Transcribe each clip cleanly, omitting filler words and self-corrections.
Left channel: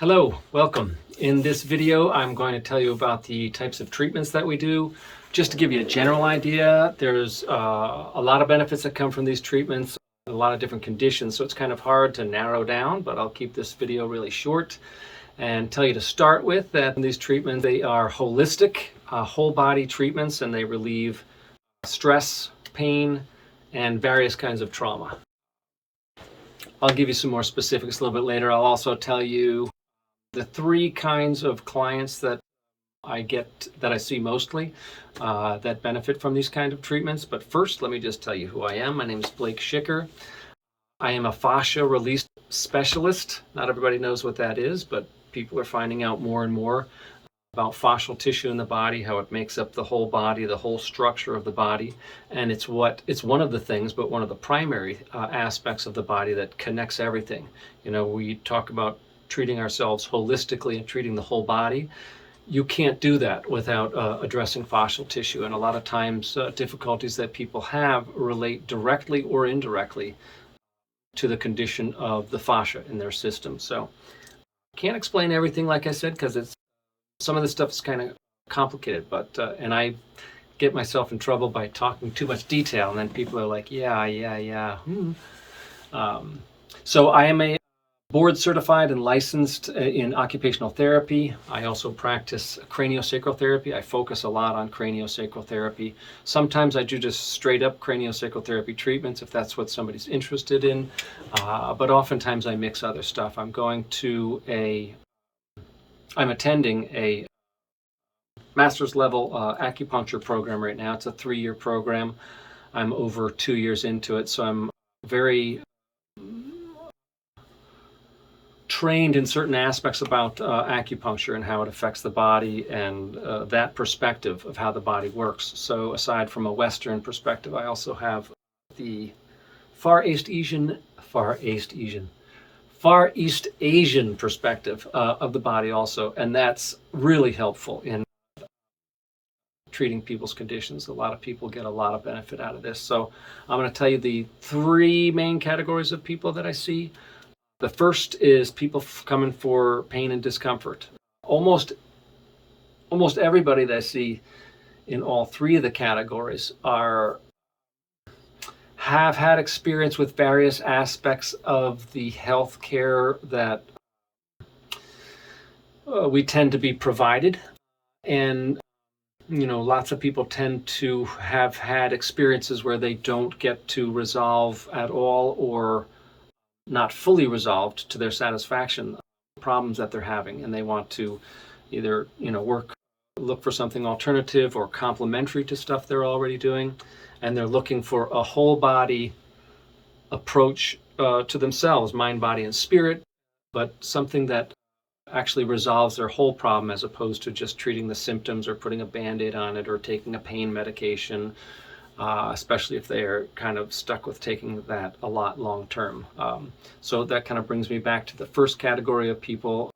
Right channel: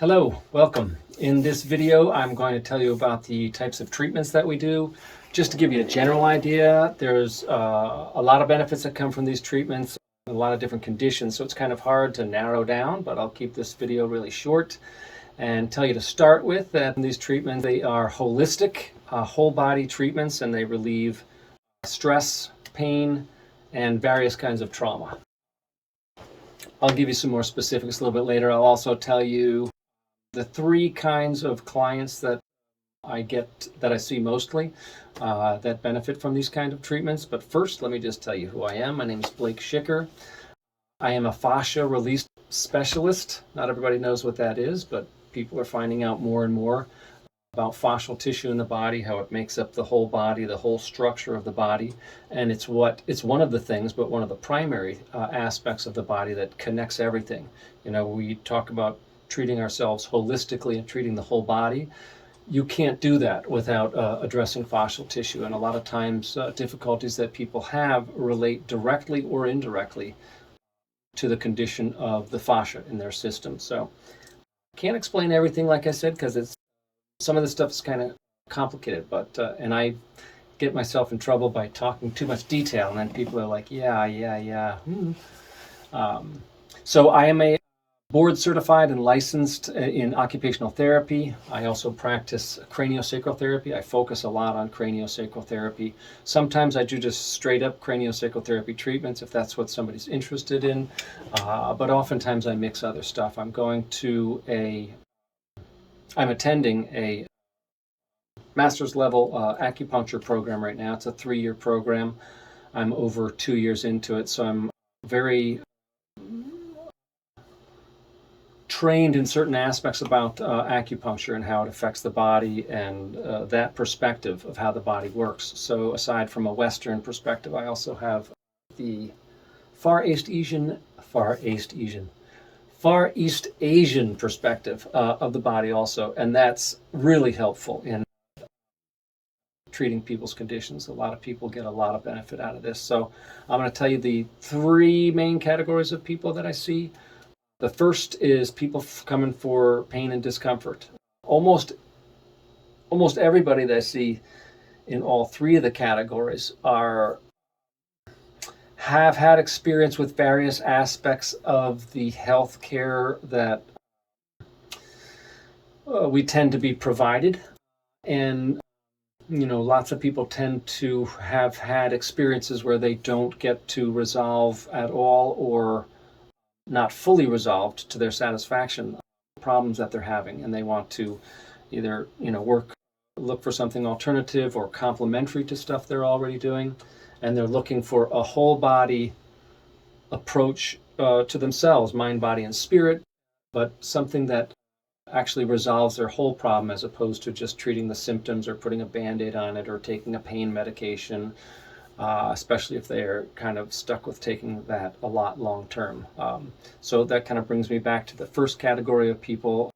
Hello, welcome. In this video, I'm going to tell you about the types of treatments that we do. Just to give you a general idea, there's a lot of benefits that come from these treatments, a lot of different conditions, so it's kind of hard to narrow down, but I'll keep this video really short and tell you to start with that these treatments, they are holistic, whole body treatments, and they relieve stress, pain, and various kinds of trauma. I'll give you some more specifics a little bit later. I'll also tell you the three kinds of clients that I see mostly that benefit from these kind of treatments. But first, let me just tell you who I am. My name is Blake Schicker. I am a fascia release specialist. Not everybody knows what that is, but people are finding out more and more about fascial tissue in the body, how it makes up the whole body, the whole structure of the body. And it's one of the things, but one of the primary aspects of the body that connects everything. You know, we talk about treating ourselves holistically and treating the whole body. You can't do that without addressing fascial tissue. And a lot of times difficulties that people have relate directly or indirectly to the condition of the fascia in their system. So can't explain everything, like I said, because some of the stuff is kind of complicated, but and I get myself in trouble by talking too much detail, and then people are like, yeah. So I am a board certified and licensed in occupational therapy. I also practice CranioSacral Therapy. I focus a lot on CranioSacral Therapy. Sometimes I do just straight up CranioSacral Therapy treatments if that's what somebody's interested in, but oftentimes I mix other stuff. I'm attending a master's level acupuncture program right now. It's a 3-year program. I'm over 2 years into it, so I'm very trained in certain aspects about acupuncture and how it affects the body and that perspective of how the body works. So aside from a Western perspective, I also have the Far East Asian perspective of the body also, and that's really helpful in treating people's conditions. A lot of people get a lot of benefit out of this. So I'm going to tell you the 3 main categories of people that I see. The first is people coming for pain and discomfort. Almost everybody that I see in all 3 of the categories have had experience with various aspects of the healthcare that we tend to be provided. And you know, lots of people tend to have had experiences where they don't get to resolve at all or not fully resolved to their satisfaction problems that they're having, and they want to either, you know, look for something alternative or complementary to stuff they're already doing, and they're looking for a whole body approach to themselves, mind, body, and spirit, but something that actually resolves their whole problem as opposed to just treating the symptoms or putting a band-aid on it or taking a pain medication, especially if they're kind of stuck with taking that a lot long term. So that kind of brings me back to the first category of people.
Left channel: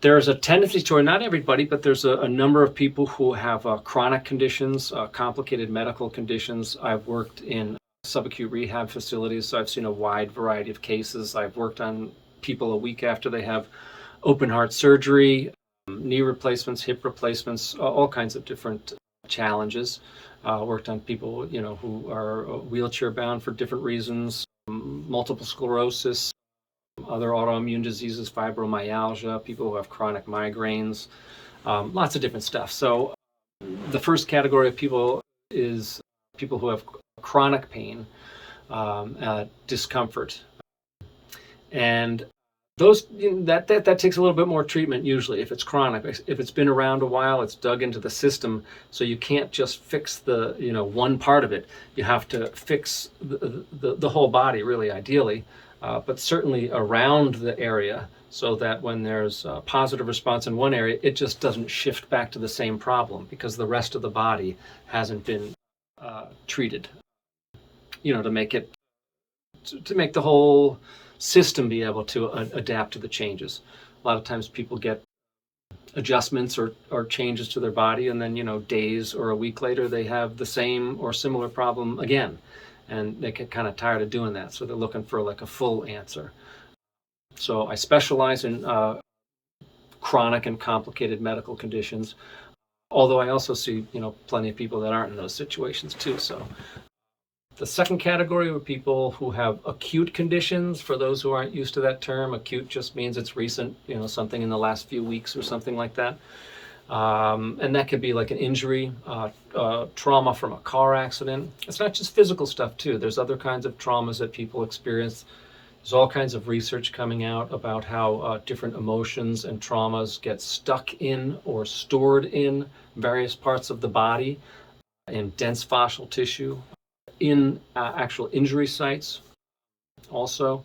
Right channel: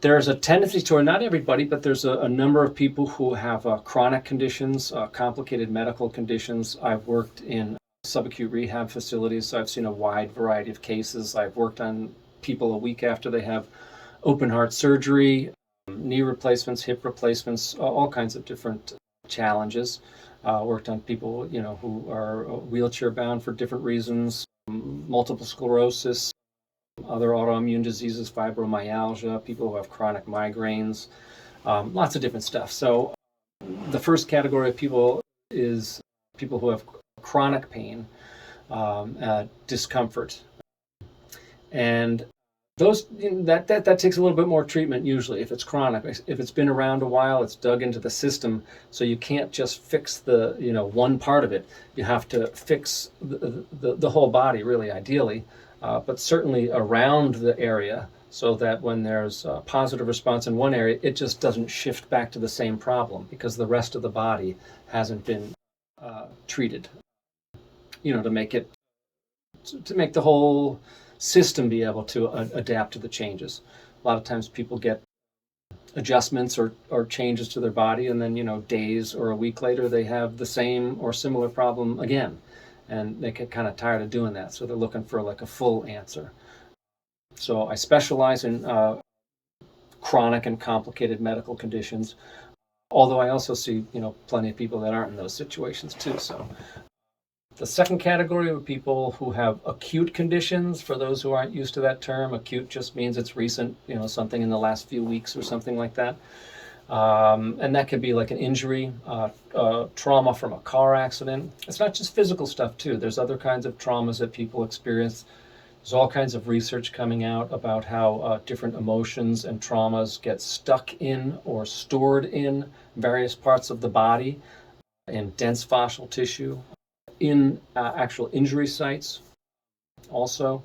There's a tendency toward, not everybody, but there's a number of people who have chronic conditions, complicated medical conditions. I've worked in subacute rehab facilities, so I've seen a wide variety of cases. I've worked on people a week after they have open heart surgery, knee replacements, hip replacements, all kinds of different challenges. Worked on people, you know, who are wheelchair bound for different reasons, multiple sclerosis, other autoimmune diseases, fibromyalgia, people who have chronic migraines, lots of different stuff. So the first category of people is people who have chronic pain, discomfort, and those that takes a little bit more treatment usually if it's chronic. If it's been around a while, it's dug into the system, so you can't just fix the, you know, one part of it. You have to fix the whole body, really, ideally, but certainly around the area, so that when there's a positive response in one area, it just doesn't shift back to the same problem because the rest of the body hasn't been treated, you know, to make the whole system be able to adapt to the changes. A lot of times people get adjustments or changes to their body, and then, you know, days or a week later they have the same or similar problem again, and they get kind of tired of doing that, so they're looking for like a full answer. So I specialize in chronic and complicated medical conditions, although I also see, plenty of people that aren't in those situations too. So the second category are people who have acute conditions. For those who aren't used to that term, acute just means it's recent, something in the last few weeks or something like that. And that could be like an injury, trauma from a car accident. It's not just physical stuff too. There's other kinds of traumas that people experience. There's all kinds of research coming out about how different emotions and traumas get stuck in or stored in various parts of the body, in dense fascial tissue, in actual injury sites also.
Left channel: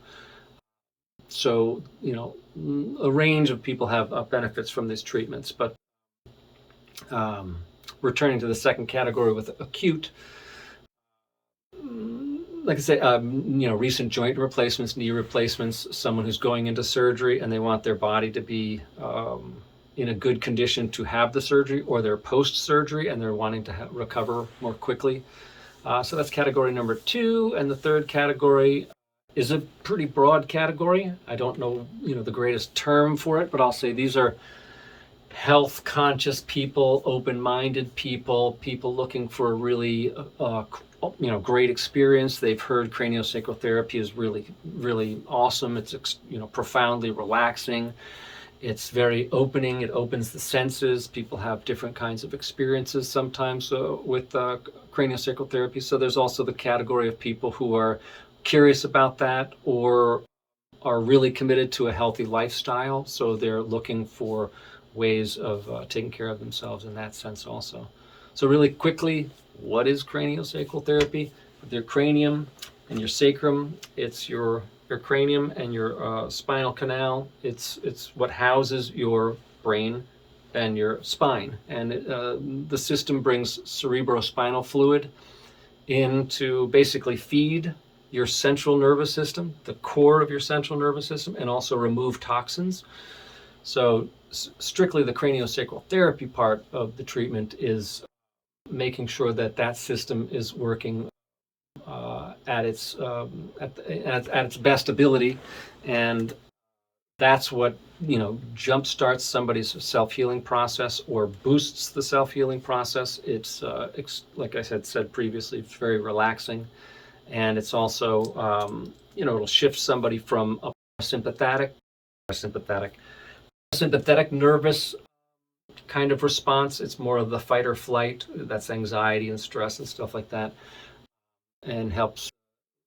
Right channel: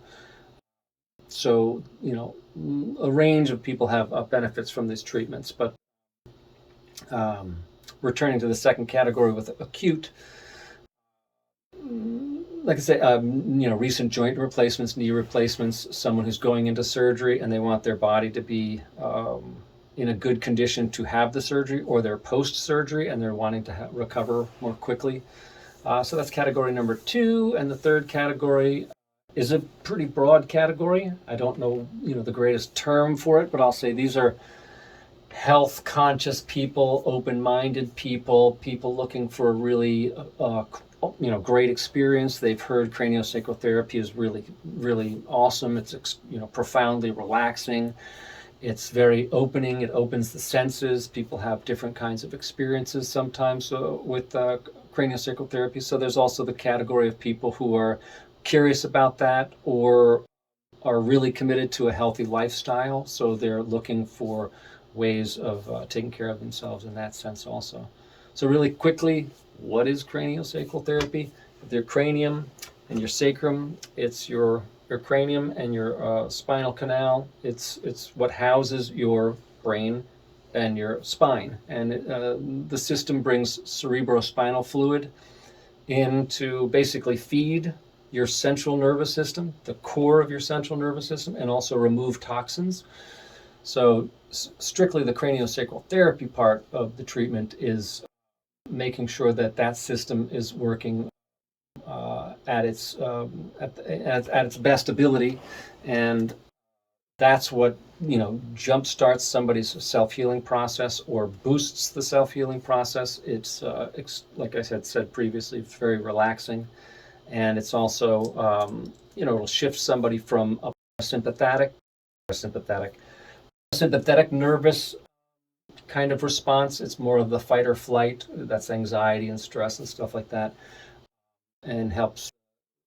So, a range of people have benefits from these treatments. But returning to the second category with acute, like I say, recent joint replacements, knee replacements, someone who's going into surgery and they want their body to be in a good condition to have the surgery, or they're post-surgery and they're wanting to recover more quickly. So that's category number 2. And the third category is a pretty broad category. I don't know, the greatest term for it, but I'll say these are health conscious people, open-minded people, people looking for a really great experience. They've heard craniosacral therapy is really, really awesome. It's profoundly relaxing. It's very opening. It opens the senses. People have different kinds of experiences sometimes with craniosacral therapy. So there's also the category of people who are curious about that or are really committed to a healthy lifestyle. So they're looking for ways of taking care of themselves in that sense also. So really quickly, what is craniosacral therapy? With your cranium and your sacrum, it's your cranium and your spinal canal. It's what houses your brain and your spine. And the system brings cerebrospinal fluid in to basically feed your central nervous system, the core of your central nervous system, and also remove toxins. So strictly the craniosacral therapy part of the treatment is making sure that system is working at its best ability, and that's what jump starts somebody's self-healing process or boosts the self-healing process. It's like I said previously, it's very relaxing, and it's also it'll shift somebody from a sympathetic nervous kind of response. It's more of the fight or flight. That's anxiety and stress and stuff like that, and helps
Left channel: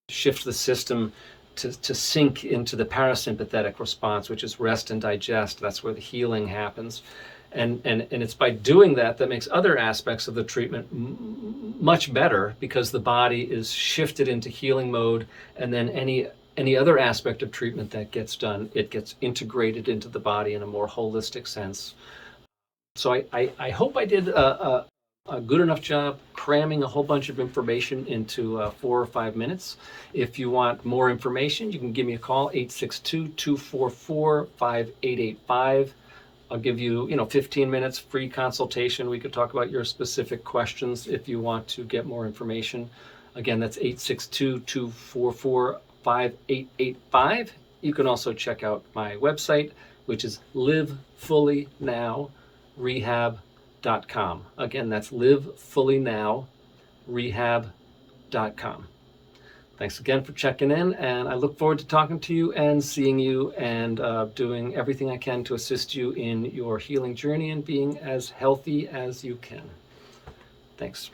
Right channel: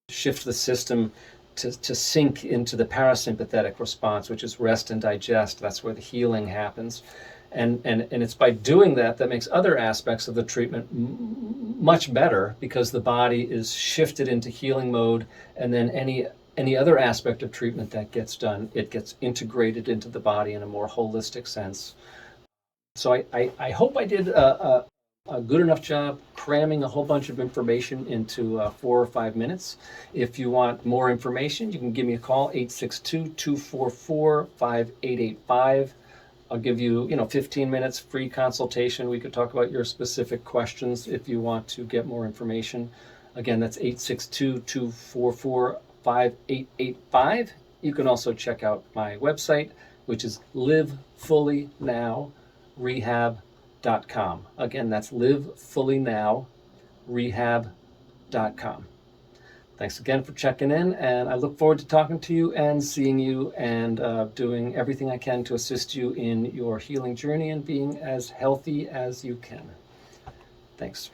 shift the system to sink into the parasympathetic response, which is rest and digest. That's where the healing happens. And it's by doing that makes other aspects of the treatment much better, because the body is shifted into healing mode, and then any other aspect of treatment that gets done, it gets integrated into the body in a more holistic sense. So I hope I did a good enough job cramming a whole bunch of information into 4 or 5 minutes. If you want more information, you can give me a call, 862-244-5885. I'll give you, 15 minutes free consultation. We could talk about your specific questions if you want to get more information. Again, that's 862-244-5885. You can also check out my website, which is livefullynow.rehab.com. Again, that's livefullynow.rehab.com. Thanks again for checking in, and I look forward to talking to you and seeing you and doing everything I can to assist you in your healing journey and being as healthy as you can. Thanks.